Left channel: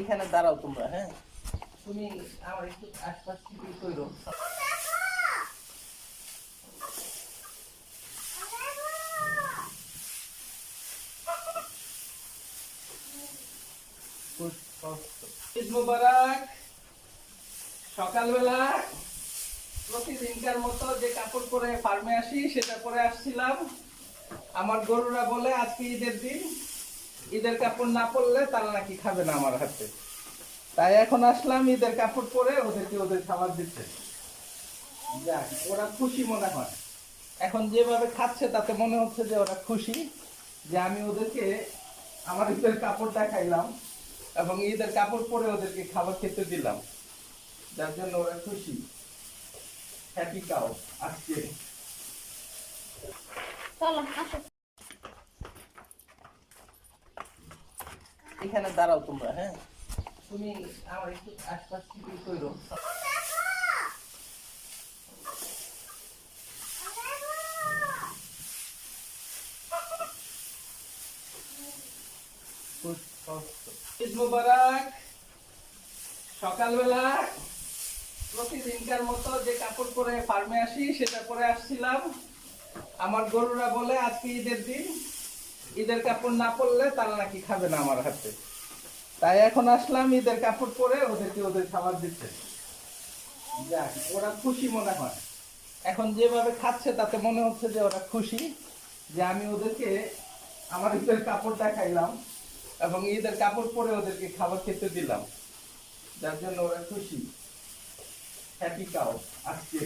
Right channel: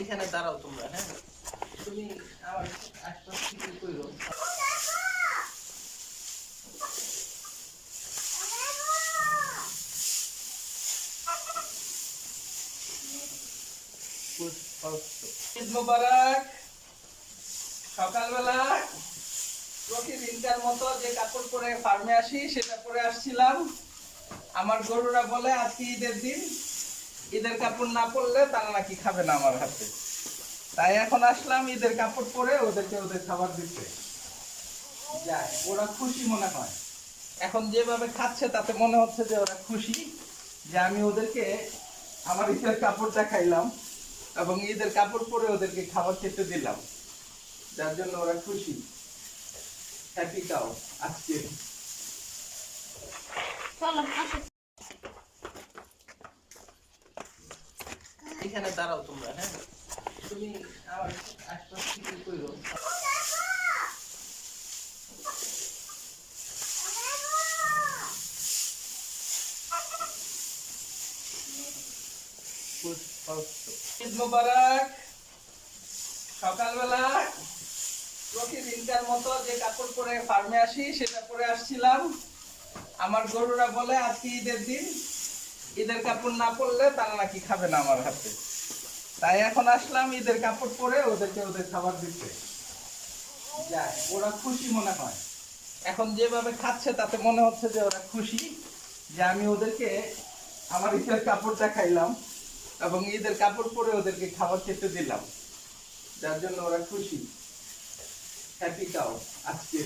এখানে দাঁড়াও তোমরা, হ্যাঁ তুমি আমার একটু আশপাশ থেকে করো। ঈদ মোবারক। সকালবেলা প্রতিদিনকার মতো যে কাপড় পরে ফার্মে আসি সেটা পরে আসছিলাম। আমার গরুরা বলে আজকে ঈদের দিন, ঈদের কাপড় না পরলে তারা নাকি খাবে না আমার হাতে। তাই এখন আসলাম ঈদের কাপড় পরে ওদেরকে ওদের খাবার দিতে। যাক, ওরা খুশি মনে হয়। এখন যেভাবে খাচ্ছে তাতে মনে হচ্ছে যে ওরা খুশি যে আমি ওদেরকে আমার ঈদের কাপড়টা খাইলাম এবং ঈদের কাপড় পরে ওদেরকে খাবার খেতে দিলাম, যার জন্য ওরা খুশি। হ্যাপি কাউ আজকে। এখানে দাঁড়াও তোমরা, হ্যাঁ তুমি আমার একটু আশপাশ থেকে করো। ঈদ মোবারক। সকালবেলা প্রতিদিনকার মতো যে কাপড় পরে ফার্মে আসি সেটা পরে আসছিলাম। আমার গরুরা বলে আজকে ঈদের দিন, ঈদের কাপড় না পরলে তারা নাকি খাবে না আমার হাতে। তাই এখন আসলাম ঈদের কাপড় পরে ওদেরকে ওদের খাবার দিতে। যাক, ওরা খুশি মনে হয়। এখন যেভাবে খাচ্ছে তাতে মনে হচ্ছে যে ওরা খুশি যে আমি ওদেরকে আমার ঈদের কাপড়টা খাইলাম এবং ঈদের কাপড় পরে ওদেরকে খাবার খেতে দিলাম, যার জন্য ওরা খুশি। হ্যাপি কাউ আজকে।